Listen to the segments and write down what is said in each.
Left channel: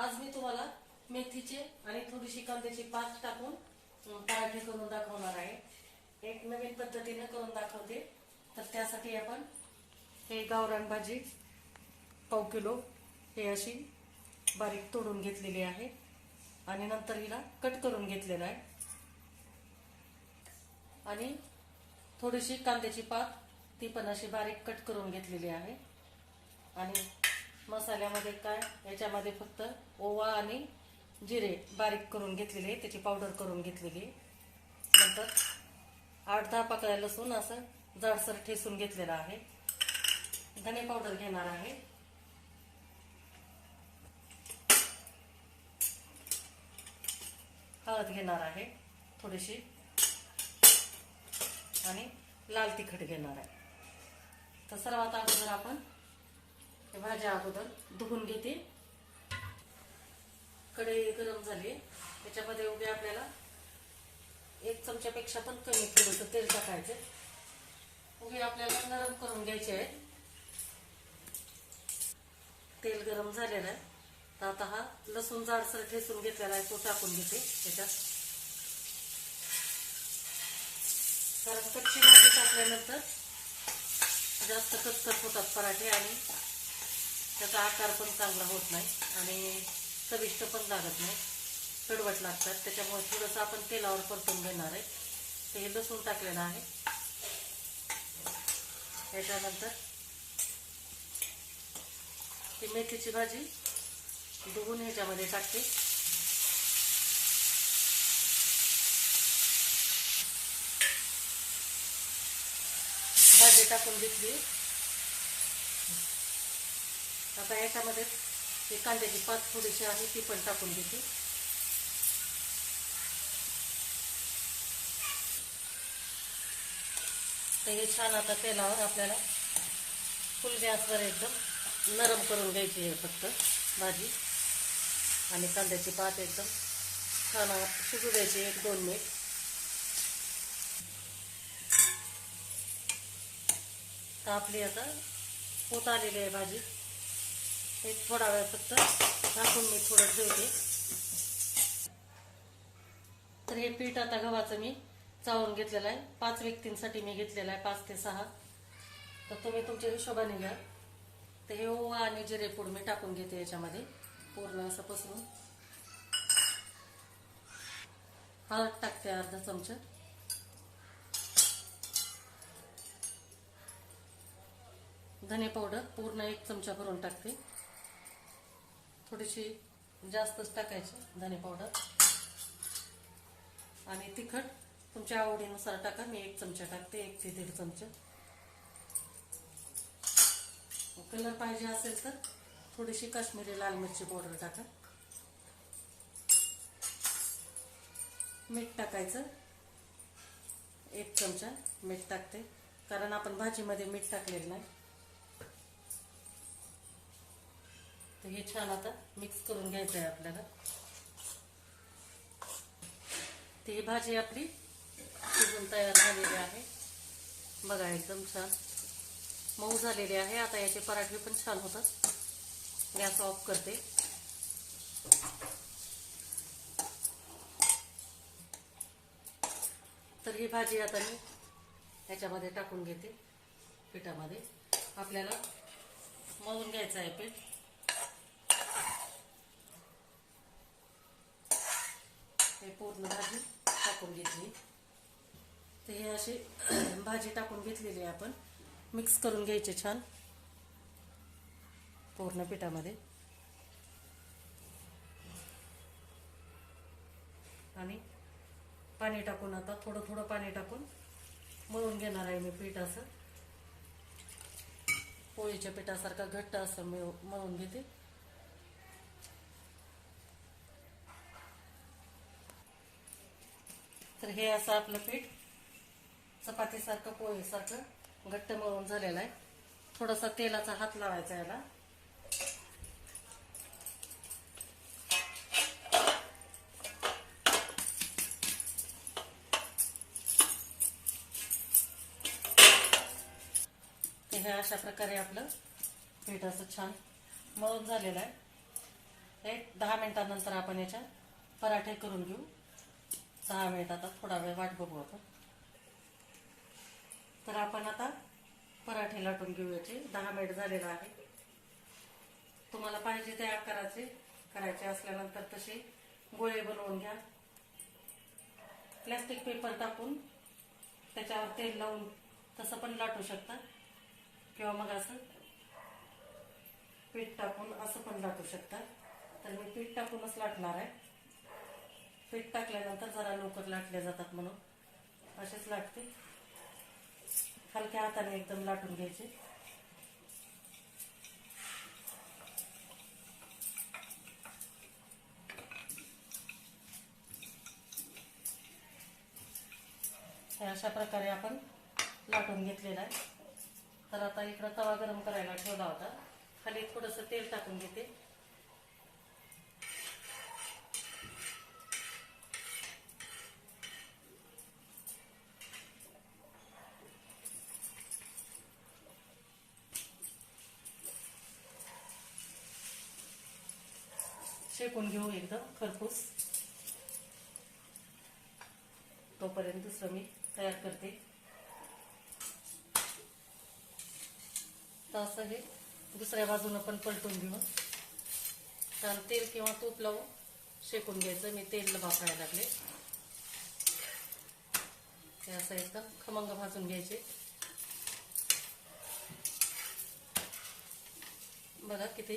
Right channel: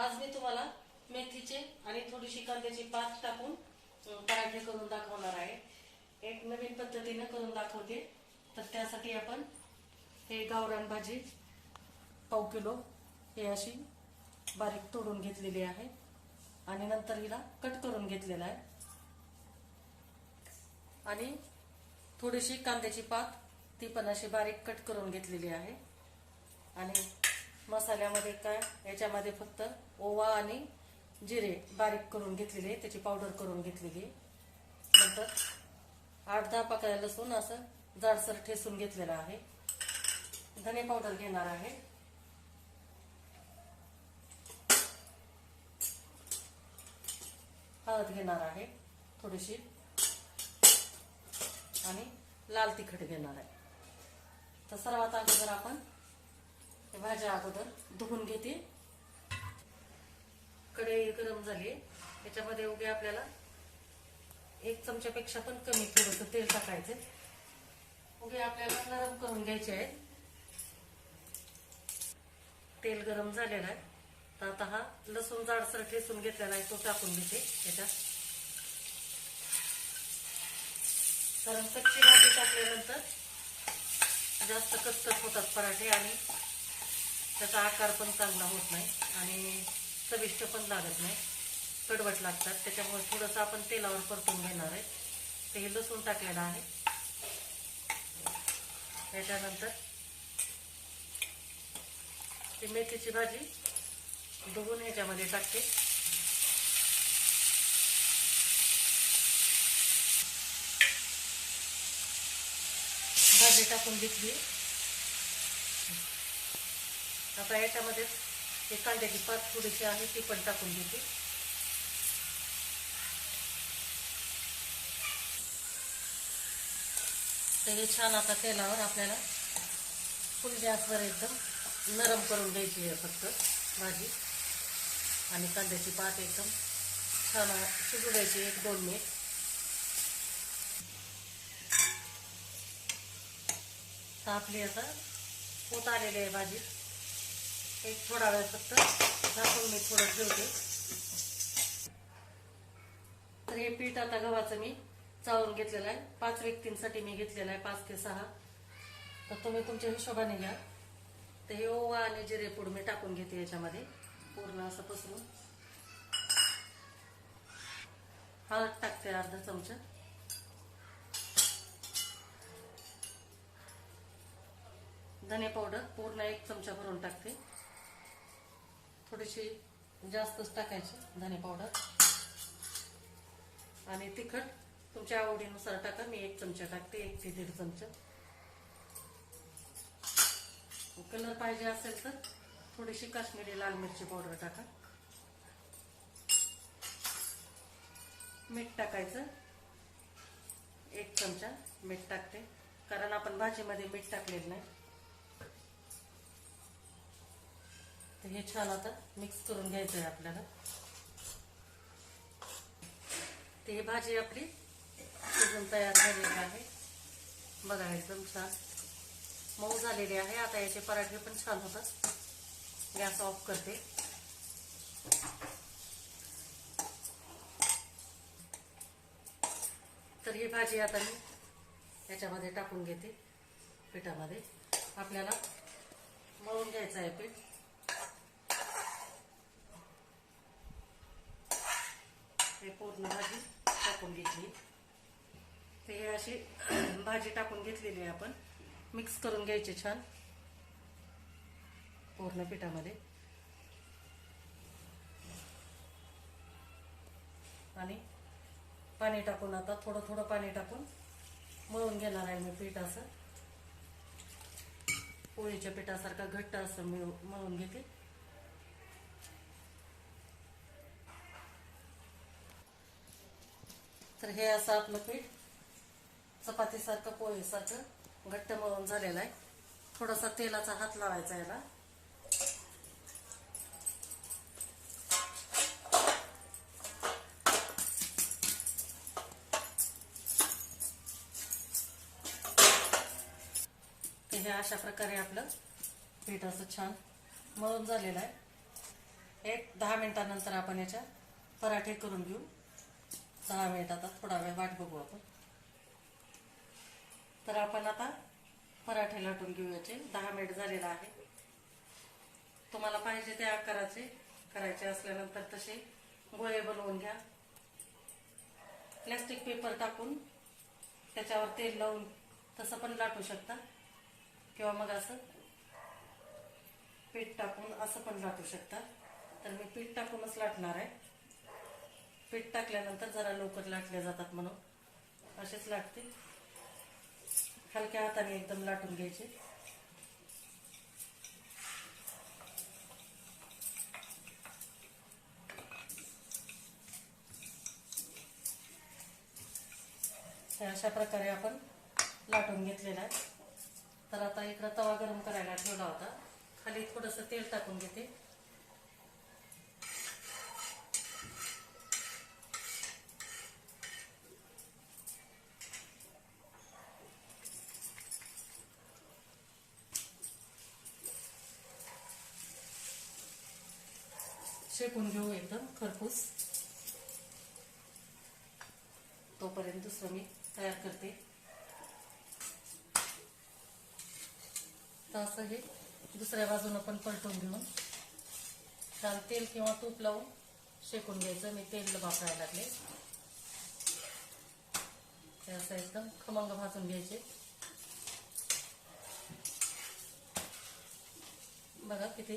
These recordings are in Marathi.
आज मी तुम्हाला मेथीचे आणि थोडीशी कांद्याची पात टाकून पराठे करून दाखवणार आहे. एक नवीन पद्धतीने करून दाखवते. तर त्यासाठी आपण हे गावरान भाजी पाव किलो हे अशी बारीक तोडून घेतलेली आहे. आणि नंतर हिला कट करून घेतलेला आहे. आणि थोडीशी कांद्याची पात ती पण अशी बारीक कट करून घेतलेली आहे. आणि मसाल्यामध्ये काय याच्यामध्ये फक्त ओवा आणि जिरे बारीक करून घेतलेले त्याची पावडर करून घेतलेली. नंतर आठ दहा पाकळ्या लसूण असं जाडसर ठेसून घेतलेलं आहे. धने पावडर घेणार आहे. हळद घेणार आहे थोडीशी. आणि लाल तिखट घेणार आहे. तर सर्वात अगोदर आपण हे भाज्या अगोदर धुवून घेते. कढई गरम झाली. त्याच्यामध्ये उभी आपल्याला एक चमच्यापेक्षा पण कमी थोडंसं तेल टाकायचं. उगे आपल्याला नरम करून घ्यायचे आहे. तेल गरम झालेलं आहे. तर आता हा लसूण जाडसर ठेसून घेतलेला आहे तो टाकून घेते त्याच्यात कारण कच्ची भाजी टाकल्यानंतर जास्त कचकच होतात पराठे आणि त्याचा आकार पण चांगला होत नाही आणि चविष्ट पण लागत नाही. कडवट लागतात. त्याच्यामुळे थोडंसं आपण तेलावर परतून घेणार आहे. ते हे लसूण टाकलेलं आहे. त्याच्यानंतर ती मेथीची भाजी डुबून ह्याच्यामध्ये टाकते. भाजी टाकून घेतली. आता याच्यामध्ये हे कांद्याची पात थोडीशी आहे ती पण टाकून घेते तर हे छान आता तेलावर आपल्याला फुल गॅसवर एकदम नरम करून द्यायची आहे फक्त भाजी. आणि कांद्याची पात एकदम छान शिजू द्यायची एक दोन मिनिट. तर आपली आता होत आलेली आहे भाजी. एक थोडा वेळ फक्त झाकून मी थोडं ठेवते तर हे पीठ आता गव्हाचं मी चाळून घेतलेलं आहे. पाच व्यक्तींसाठी मी घेतलेलं आहे पाच ते सहा. तर तुम्ही तुमच्या हिशोबाने घ्या. तर हे ओवा आणि जिरेपूड मी टाकून घेते याच्यामध्ये. पूर्ण असं पसरून. हळद टाकते अर्धा चमचा. धने पावडर पूर्ण एक चमचा भरून टाकते. थोडीशी जास्तच टाकायची धने पावडर आणि तिखट तुमच्या आवडीनुसार टाका. मी एक चमचा टाकते एक ते दीड चमचा. कलर पाहिजे असेल तर थोडीशी काश्मीरी लाल मिरची पावडर टाका. मीठ टाकायचं. एक चमचा मीठ टाकते. कारण आपण भाजीमध्ये मीठ टाकलेलं नाही. हे छान आता मिक्स करून घ्यायचं आहे आपल्याला. ते भाजी आपली शिजून तयार झालेली आहे. बघा एकदम छान. मऊ झालेली आहे. आता याचे पराठे पण छान होतात. गॅस ऑफ करते. तर ही भाजी आता मी याच्यामध्ये टाकून घेते. पिठामध्ये. आपल्याला मळून घ्यायचं आहे पीठ. हे पूर्ण भाजी टाकून घेतली. तर हे अशी भाजी टाकून घेतलेली आहे आपण. मिक्स करून घ्यायचे छान. पूर्ण पिठामध्ये. आणि पाणी टाकून आता थोडं थोडं पाणी टाकून मळून घेणार आहे मी पीठ असं. पोळीच्या पिठासारखं घट्ट असं मळून घेते. तर हे असं आपलं पीठ चपातीसारखं पोळीसारखं घट्ट मळून झालेलं आहे. थोडासा तेलाचा हात लावायचा याला. हे अशा प्रकारे आपलं पीठ असं छान मळून झालेलं आहे. एक दहा मिनिटानंतर आपण याच्या पराठे करून घेऊ. सहा मिनिट आता थोडा वेळ वाट बघू आपण. तर आपण आता पराठे लाटून घेऊ याचे दहा मिनिट झालेला आहे. तुम्हाला पाहिजे ते आकाराचे करायचे असल्यानंतर तसे गोळे बनवून घ्या. प्लॅस्टिक पेपर टाकून त्याच्यावर तेल लावून तसं पण लाटू शकता. किंवा मग असं पीठ टाकून असं पण लाटू शकता. तर मी पीठ टाकूनच लाटणार आहे. पीठ टाकल्यानंतर जरा लवकर लाटले जातात म्हणून. असेच लाटतील हलक्या हाताने एकदम लाटून घ्यायचे. अशा प्रकारे आपण लाटून घेतलेला आहे. तर आता इकडं तवा गरम करायला ठेवला होता. खाली थोडंसं तेल टाकून घेते. शेकून घेऊ एकदम खरपूस. तोपर्यंत दुसरं मी तयार करते. तर असं हे दुसऱ्या बाजूनं पण पलटून घेऊन छान तेल किंवा तूप लावून शेकून घ्यायचं. मी तेल वापरायला लागले. ते असं एकदम खमंग भाजून घ्यायचे. बघा किती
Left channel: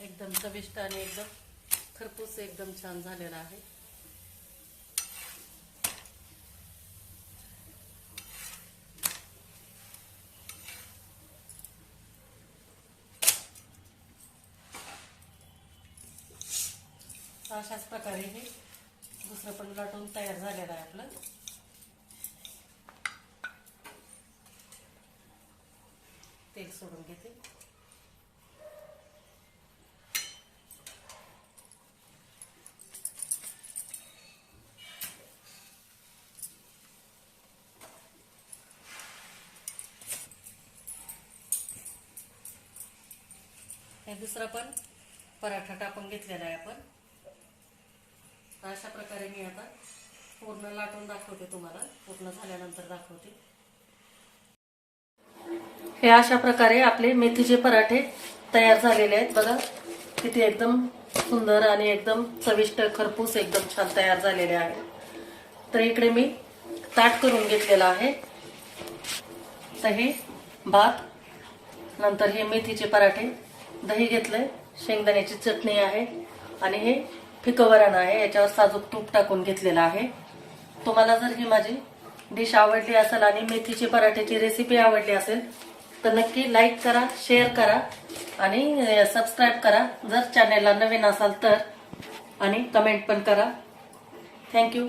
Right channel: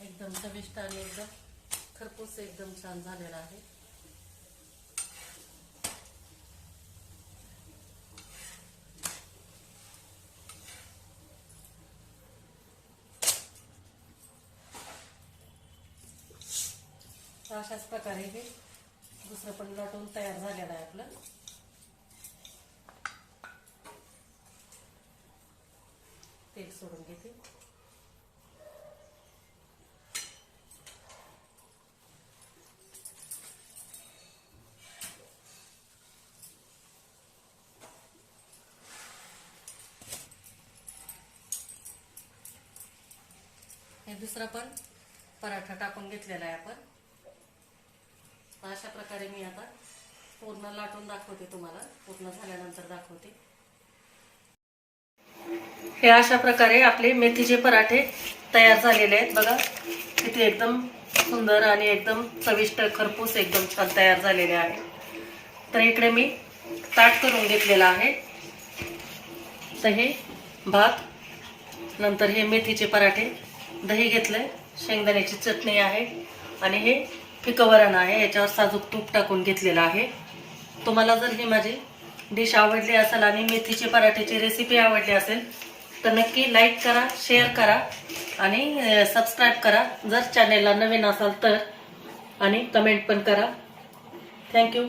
एकदम चविष्ट आणि एकदम खरपूस एकदम छान झालेला आहे. अशाच प्रकारे हे दुसरं पण लाटून तयार झालेलं आहे आपलं. तेल सोडून घेते. दुसरा पण पराठा टाकून घेतलेला आहे आपण. अशा प्रकारे मी आता पूर्ण लाटून दाखवते तुम्हाला. पूर्ण झाल्यानंतर दाखवते. हे अशा प्रकारे आपले मेथीचे पराठे तयार झालेले आहेत. बघा किती एकदम सुंदर आणि एकदम चविष्ट खरपूस एकदम छान तयार झालेले आहे. तर इकडे मी ताट करून घेतलेला आहे. तर हे भात नंतर हे मेथीचे पराठे दही घेतलंय शेंगदाण्याची चटणी आहे आणि हे पिकवरण आहे याच्यावर साजूक तूप टाकून घेतलेलं आहे. तुम्हाला जर ही माझी डिश आवडली असेल आणि मेथीची पराठ्याची रेसिपी आवडली असेल तर नक्की लाईक करा शेअर करा आणि सबस्क्राईब करा. जर चॅनेलला नवीन असाल तर आणि कमेंट पण करा. थँक्यू